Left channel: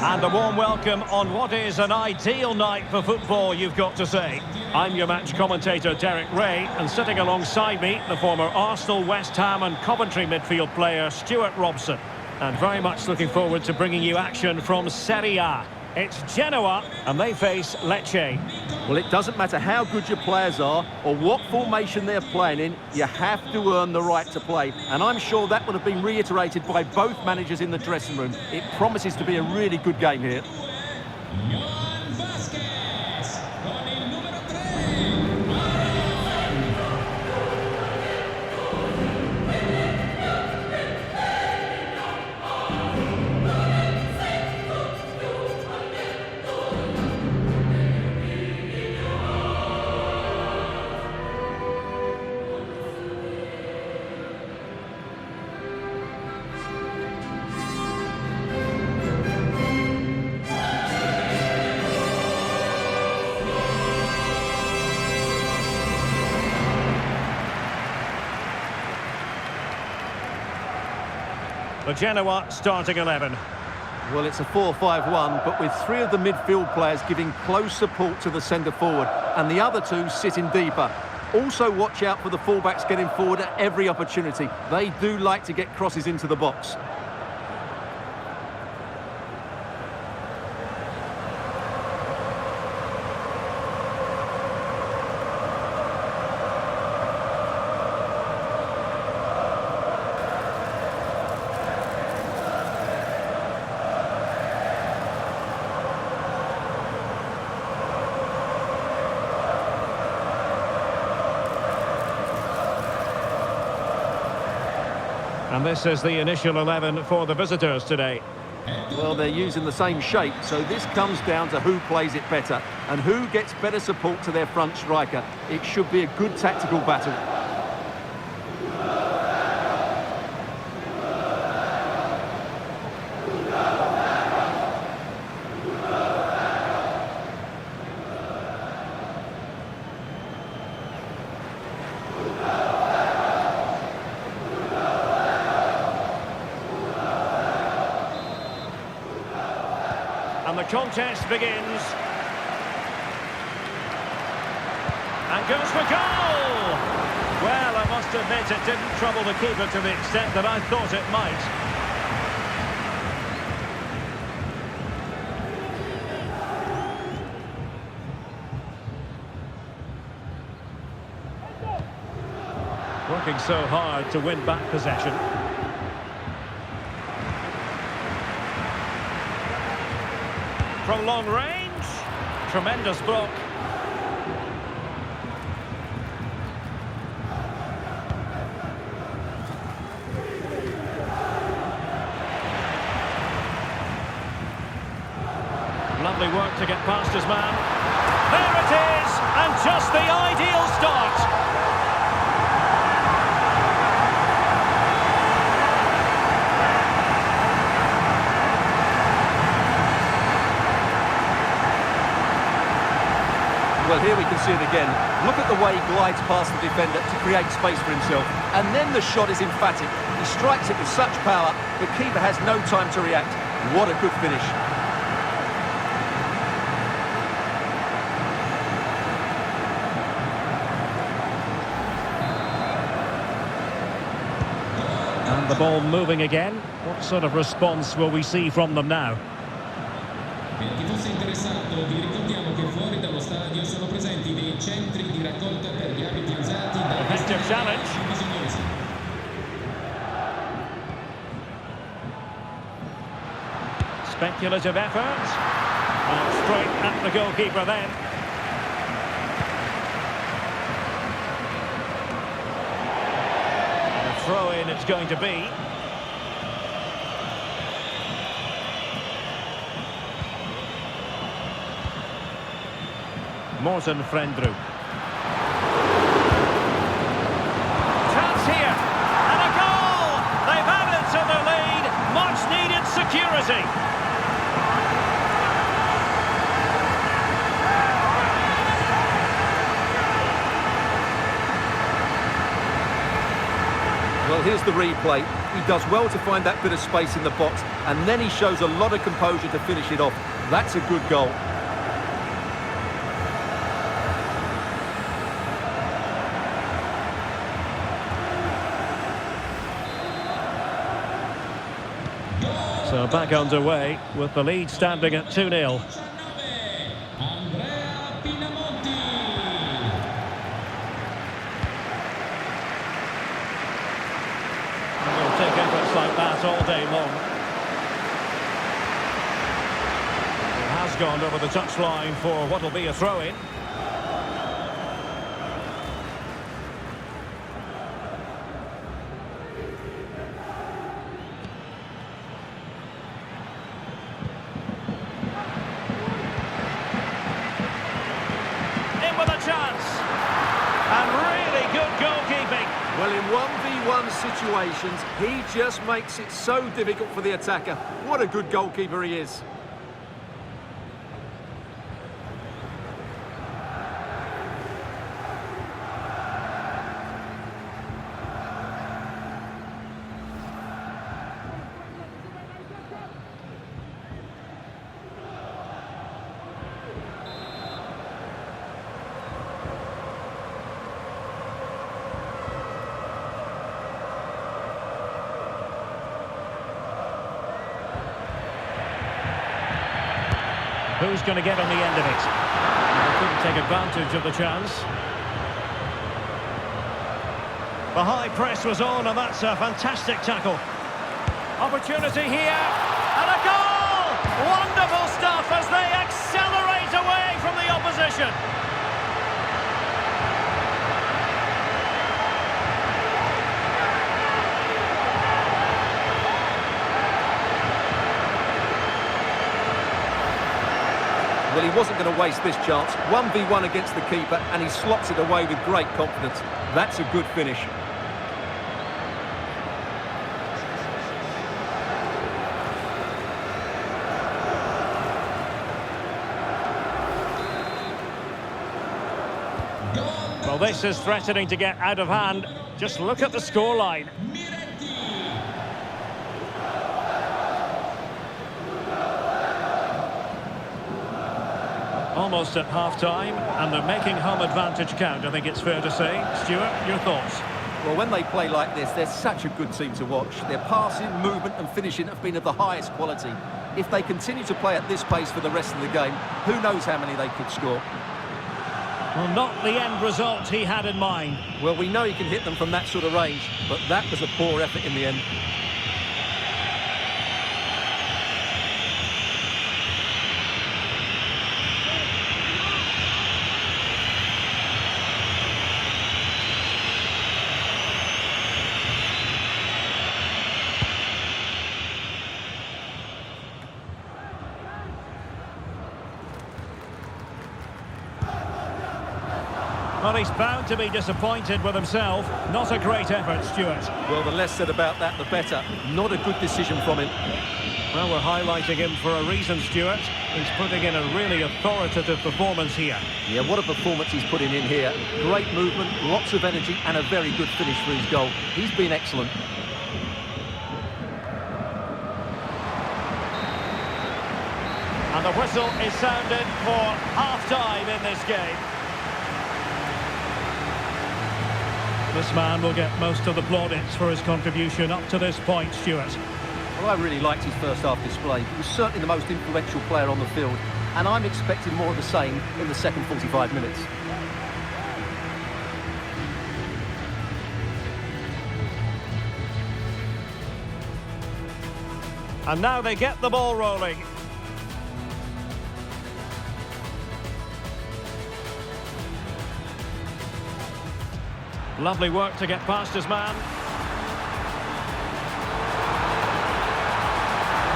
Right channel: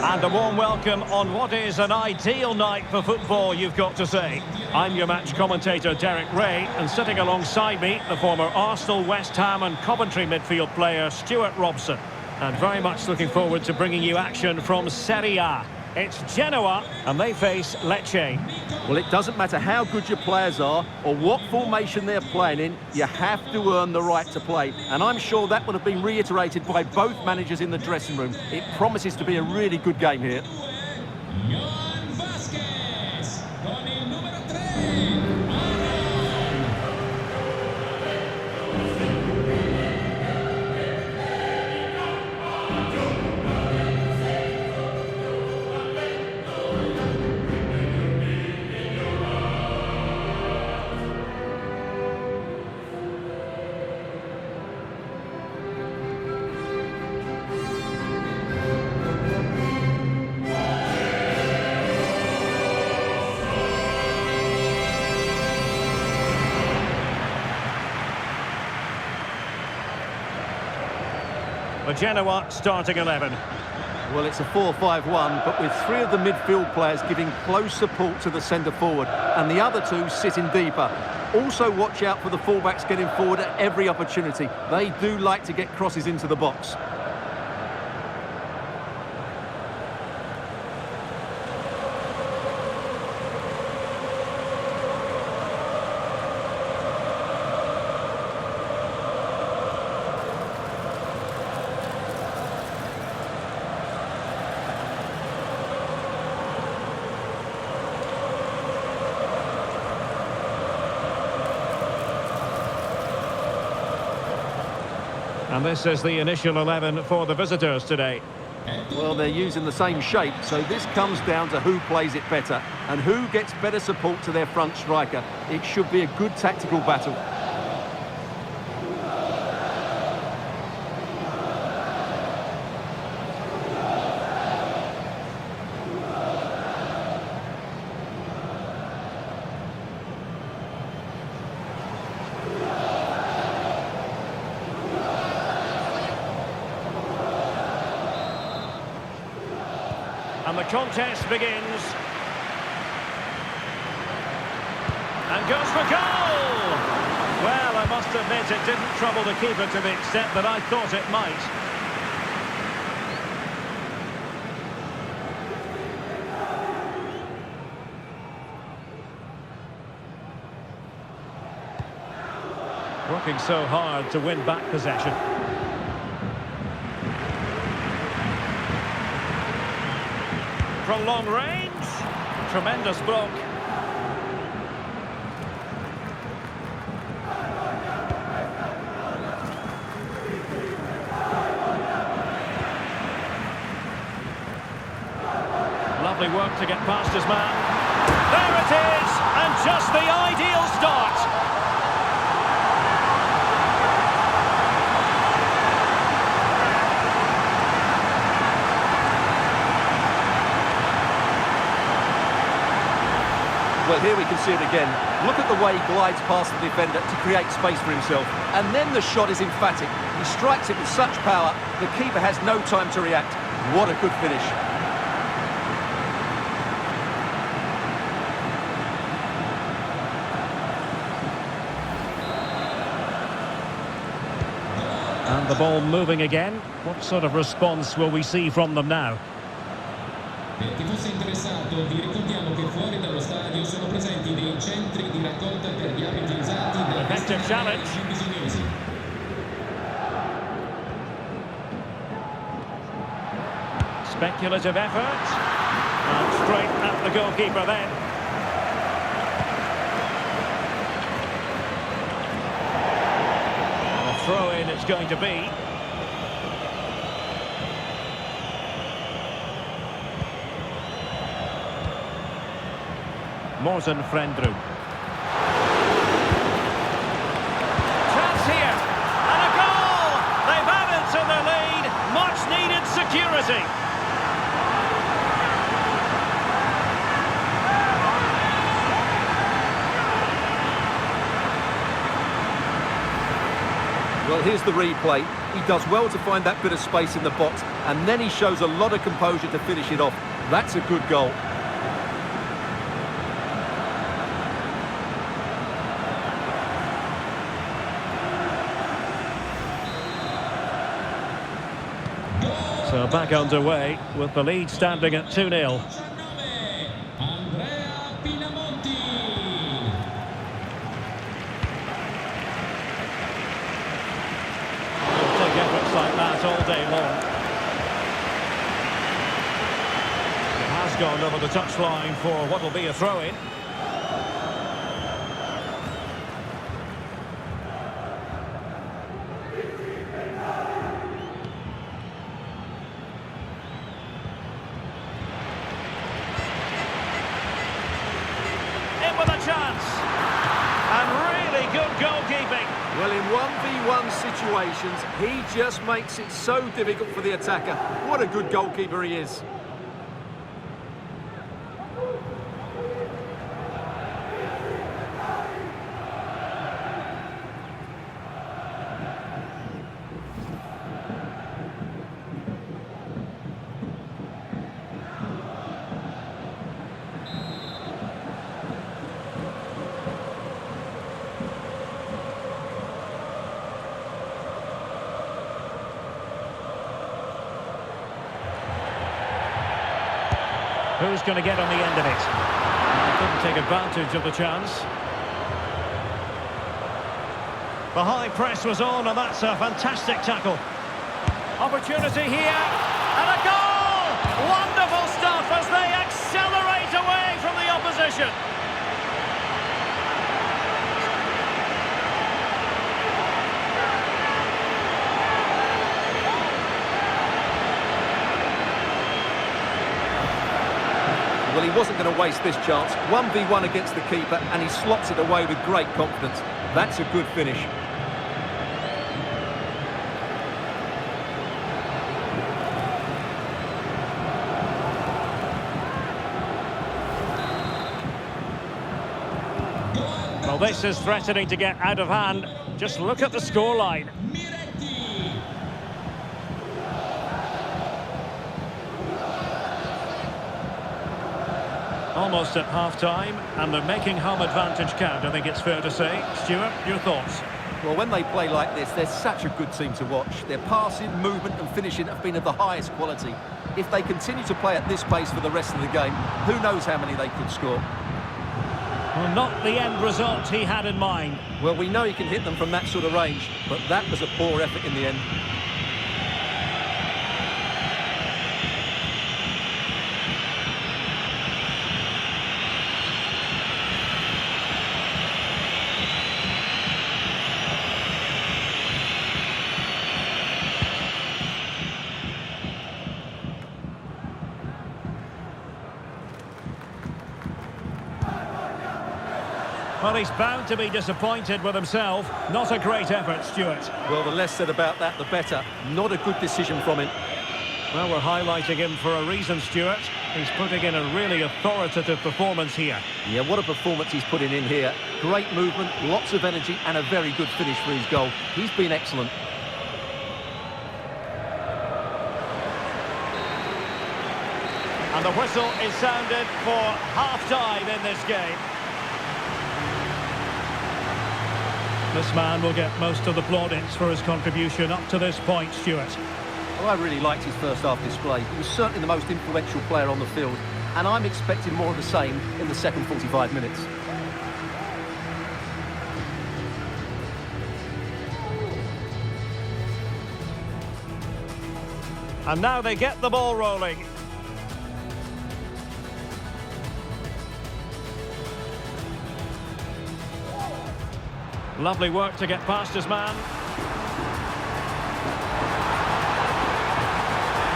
And a warm welcome on what is an ideal night for football, you've got to say. I'm your match commentator, Derek Ray, and sitting alongside me, the former Arsenal, West Ham and Coventry midfield player, Stuart Robson. And very much looking forward to bringing you action from Serie A. It's Genoa, and they face Lecce. Well, it doesn't matter how good your players are or what formation they're playing in, you have to earn the right to play. And I'm sure that would have been reiterated by both managers in the dressing room. It promises to be a really good game here. The Genoa starting 11. Well, it's a 4-5-1, but with three of the midfield players giving close support to the centre forward, and the other two sitting deeper. Also watch out for the fullbacks getting forward at every opportunity. They do like to get crosses into the box. And this is the initial 11 for the visitors today. Well, they're using the same shape, so this comes down to who plays it better and who gets better support to their front striker. It should be a good tactical battle. And the contest begins. And goes for goal! Well, I must admit it didn't trouble the keeper to the extent that I thought it might. Working so hard to win back possession. From long range, tremendous block. Lovely work to get past his man. There it is, and just the ideal start. Well, here we can see it again. Look at the way he glides past the defender to create space for himself. And then the shot is emphatic. He strikes it with such power, the keeper has no time to react. What a good finish. And the ball moving again. What sort of response will we see from them now? Per chi fosse interessato, vi ricordiamo che fuori dallo stadio sono presenti dei centri di raccolta per gli abiti usati da Effective challenge. più bisognosi. Speculative effort. And straight at the goalkeeper then. And a throw-in it's going to be. Morten Frendrup. Chance here, and a goal! They've added to the lead, much needed security. Well, here's the replay. He does well to find that bit of space in the box, and then he shows a lot of composure to finish it off. That's a good goal. So back underway with the lead standing at 2-0. He'll take efforts like that all day long. It has gone over the touchline for what will be a throw-in. With a chance, and really good goalkeeping. Well, in 1v1 situations, he just makes it so difficult for the attacker. What a good goalkeeper he is. Who's going to get on the end of it? They couldn't take advantage of the chance. The high press was on, and that's a fantastic tackle. Opportunity here, and a goal! Wonderful stuff as they accelerate away from the opposition. Well, he wasn't going to waste this chance. 1v1 against the keeper, and he slots it away with great confidence. That's a good finish. Well, this is threatening to get out of hand. Just look at the scoreline. Almost at half-time, and they're making home advantage count, I think it's fair to say. Stuart, your thoughts? Well, when they play like this, they're such a good team to watch. Their passing, movement and finishing have been of the highest quality. If they continue to play at this pace for the rest of the game, who knows how many they could score. Well, not the end result he had in mind. Well, we know he can hit them from that sort of range, but that was a poor effort in the end. Well, he's bound to be disappointed with himself. Not a great effort, Stuart. Well, the less said about that, the better. Not a good decision from him. Well, we're highlighting him for a reason, Stuart. He's putting in a really authoritative performance here. Yeah, what a performance he's putting in here. Great movement, lots of energy, and a very good finish for his goal. He's been excellent. And the whistle is sounded for half-time in this game. This man will get most of the plaudits for his contribution up to this point, Stuart. Well, I really liked his first half display. He was certainly the most influential player on the field, and I'm expecting more of the same in the second 45 minutes. And now they get the ball rolling. Lovely work to get past his man.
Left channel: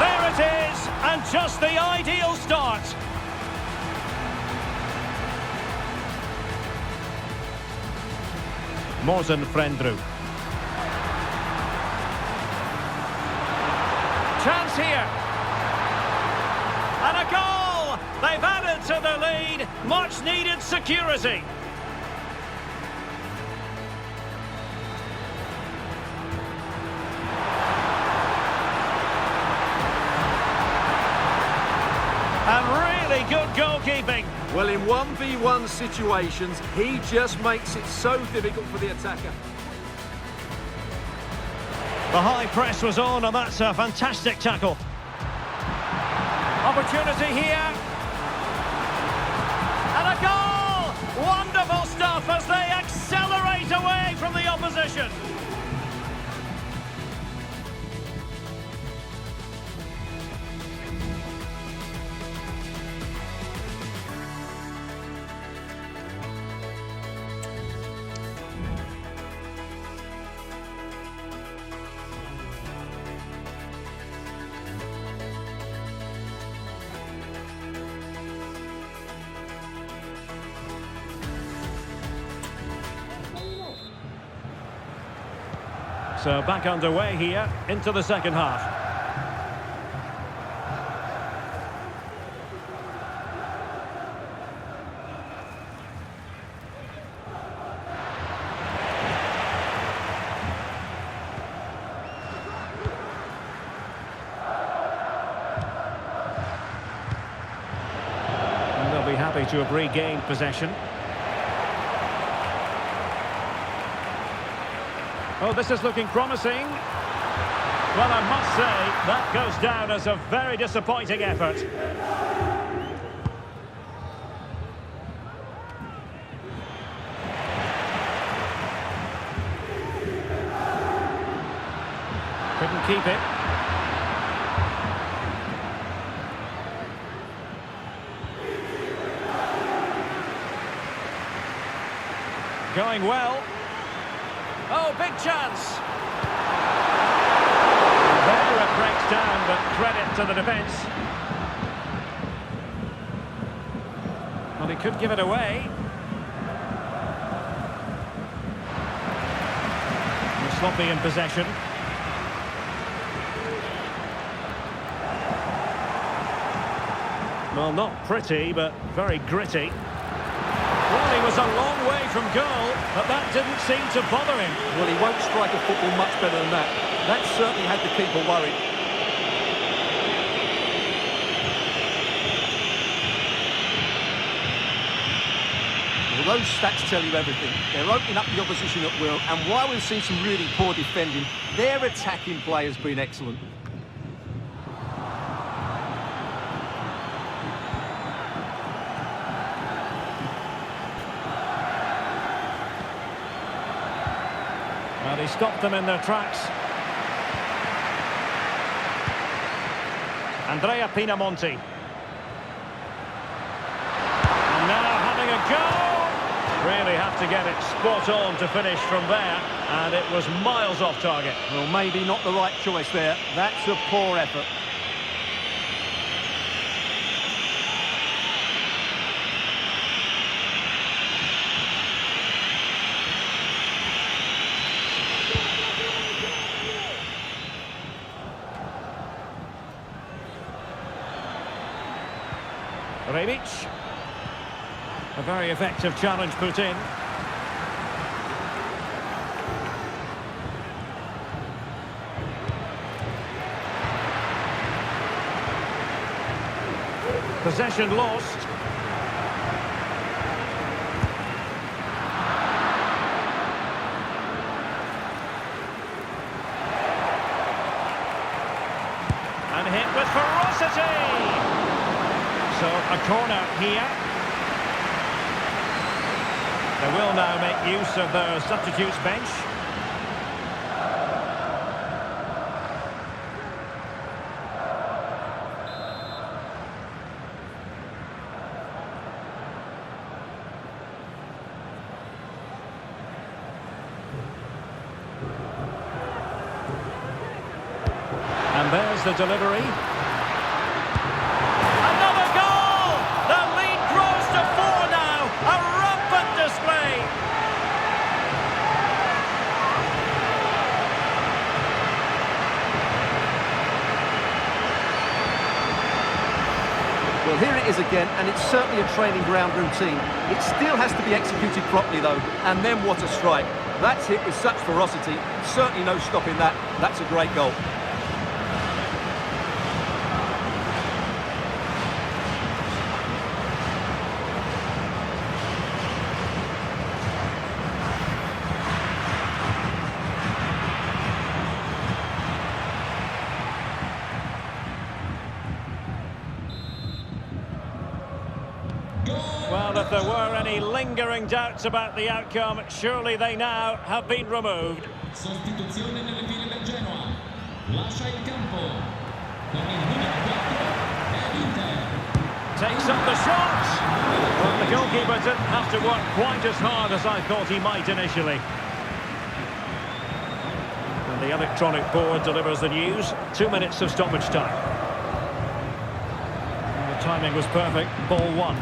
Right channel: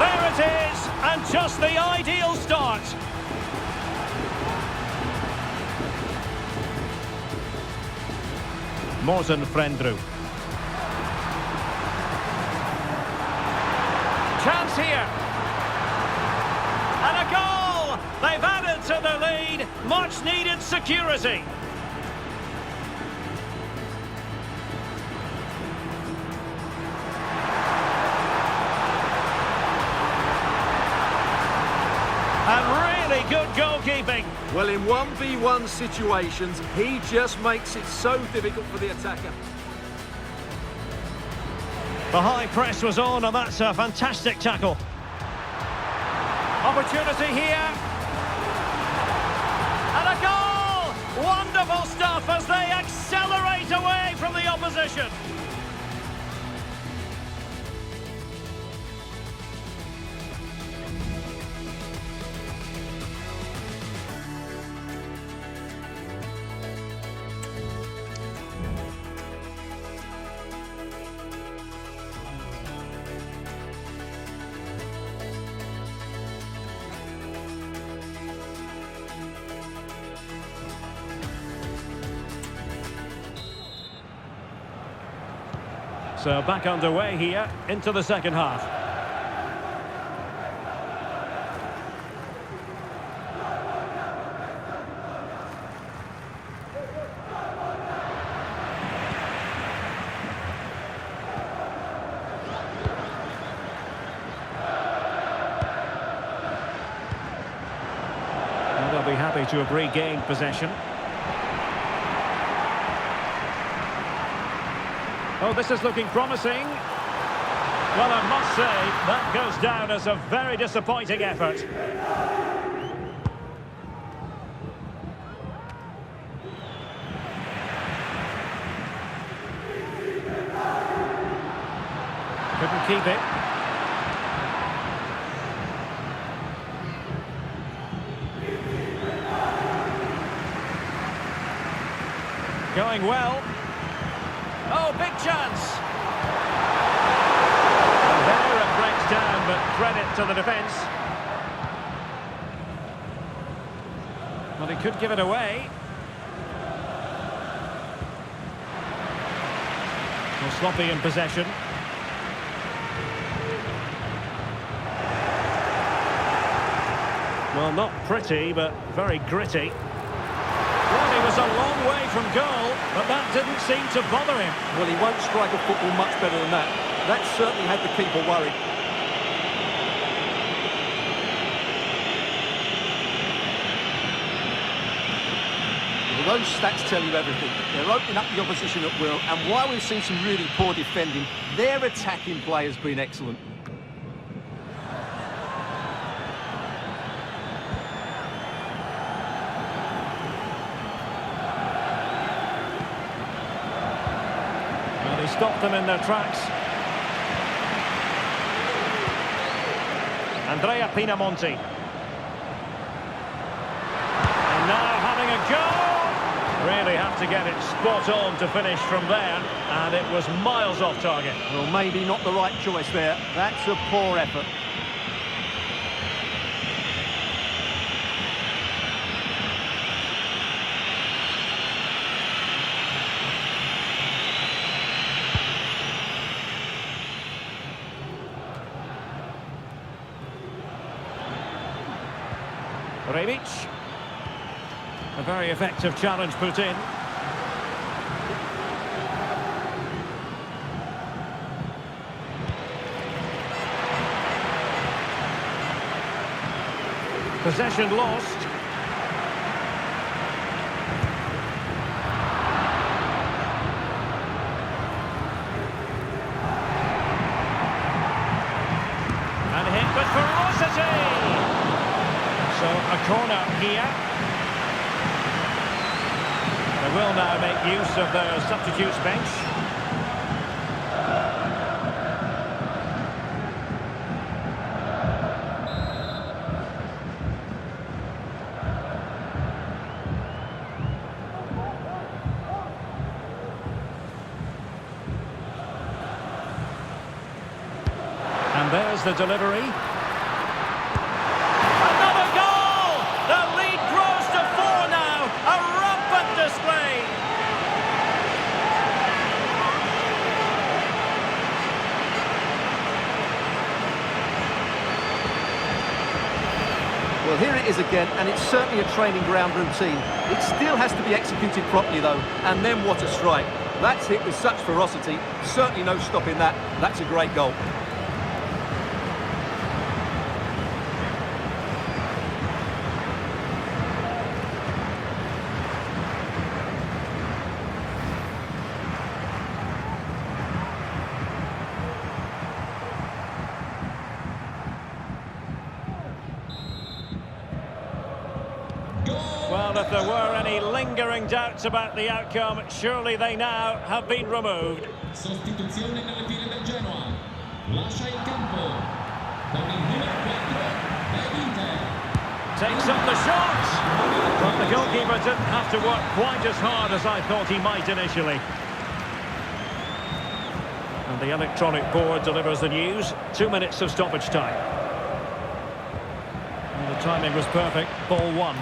There it is, and just the ideal start. Morten Frendru. Chance here. And a goal! They've added to the lead. Much needed security. Really good goalkeeping. Well, in 1v1 situations, he just makes it so difficult for the attacker. The high press was on, and that's a fantastic tackle. Opportunity here. And a goal! Wonderful stuff as they accelerate away from the opposition. So back underway here into the second half. And they'll be happy to have regained possession. Oh, this is looking promising. Well, I must say, that goes down as a very disappointing effort. Couldn't keep it. Going well. Oh, big chance. And there it breaks down, but credit to the defence. Well, he could give it away. Well, sloppy in possession. Well, not pretty, but very gritty. Well, he was a long way from goal, but that didn't seem to bother him. Well, he won't strike a football much better than that. That certainly had the keeper worried. Well, those stats tell you everything. They're opening up the opposition at will, and while we've seen some really poor defending, their attacking play has been excellent. Well, he stopped them in their tracks. Andrea Pinamonti. And now having a go. Really have to get it spot on to finish from there. And it was miles off target. Well, maybe not the right choice there. That's a poor effort. Rebic. A very effective challenge put in. Possession lost. And hit with ferocity. So a corner here. They will now make use of their substitutes bench. And there's the delivery. Display. Well, here it is again, and it's certainly a training ground routine. It still has to be executed properly, though, and then what a strike. That's hit with such ferocity. Certainly no stopping that. That's a great goal. Goal! Well, if there were any lingering doubts about the outcome, surely they now have been removed. Sostituzione nelle file del Genoa. Lascia il campo con il numero 4 dell'Inter. Takes up the shots, but the goalkeeper didn't have to work quite as hard as I thought he might initially. And the electronic board delivers the news. 2 minutes of stoppage time. And the timing was perfect. Ball one.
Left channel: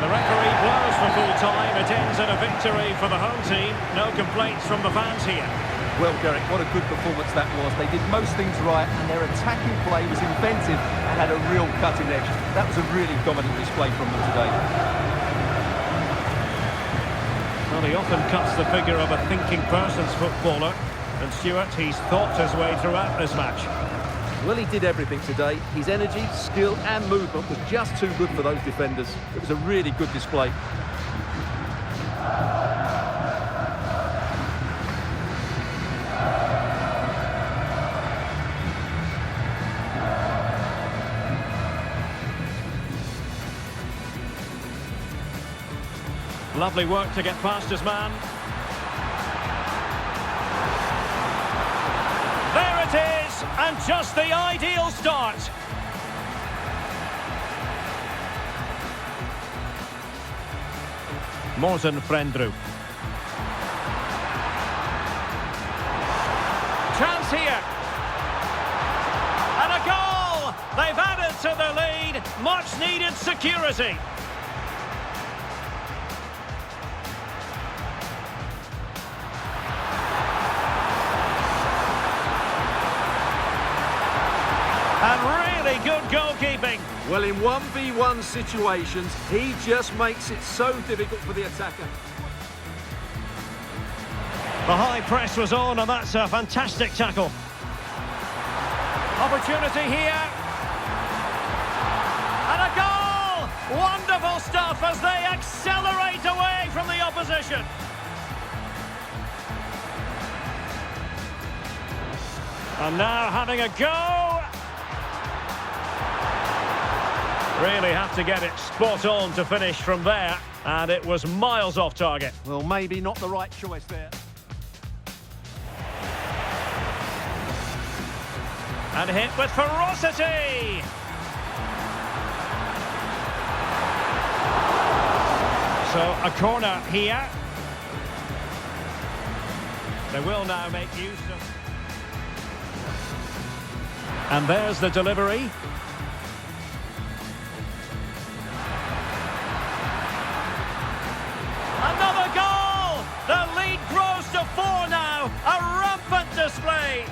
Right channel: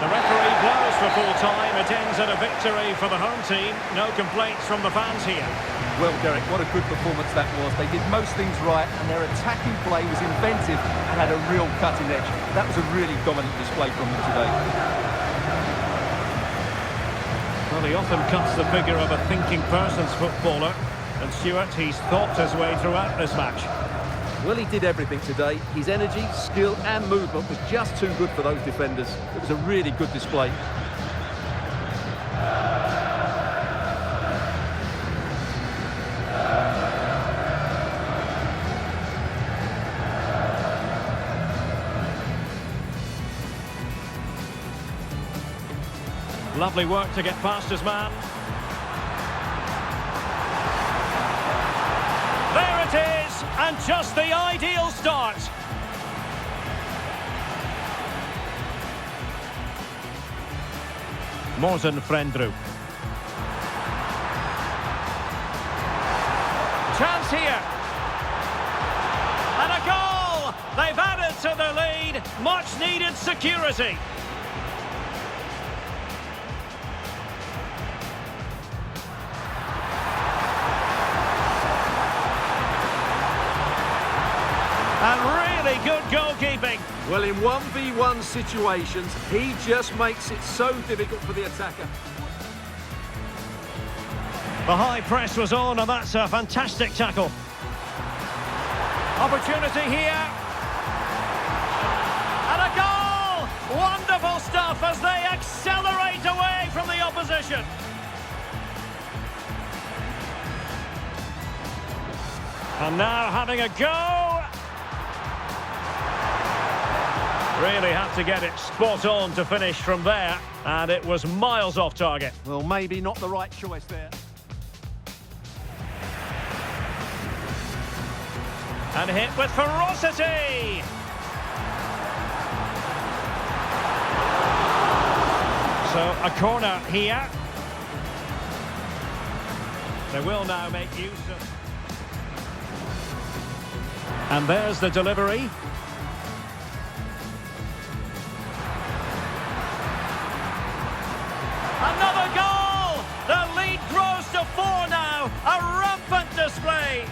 The referee blows for full time. It ends in a victory for the home team. No complaints from the fans here. Well, Derek, what a good performance that was. They did most things right, and their attacking play was inventive and had a real cutting edge. That was a really dominant display from them today. Well, he often cuts the figure of a thinking person's footballer. And Stuart, he's thought his way throughout this match. Well, he did everything today. His energy, skill and movement was just too good for those defenders. It was a really good display. Lovely work to get past his man. There it is, and just the ideal start. Morten Frendrup. Chance here. And a goal! They've added to the lead. Much needed security. And really good goalkeeping. Well, in 1v1 situations, he just makes it so difficult for the attacker. The high press was on, and that's a fantastic tackle. Opportunity here. And a goal! Wonderful stuff as they accelerate away from the opposition. And now having a go. Really have to get it spot on to finish from there, and it was miles off target. Well, maybe not the right choice there. And hit with ferocity! So, a corner here. They will now make use of... And there's the delivery. Another goal! The lead grows to 4 now. A rampant display.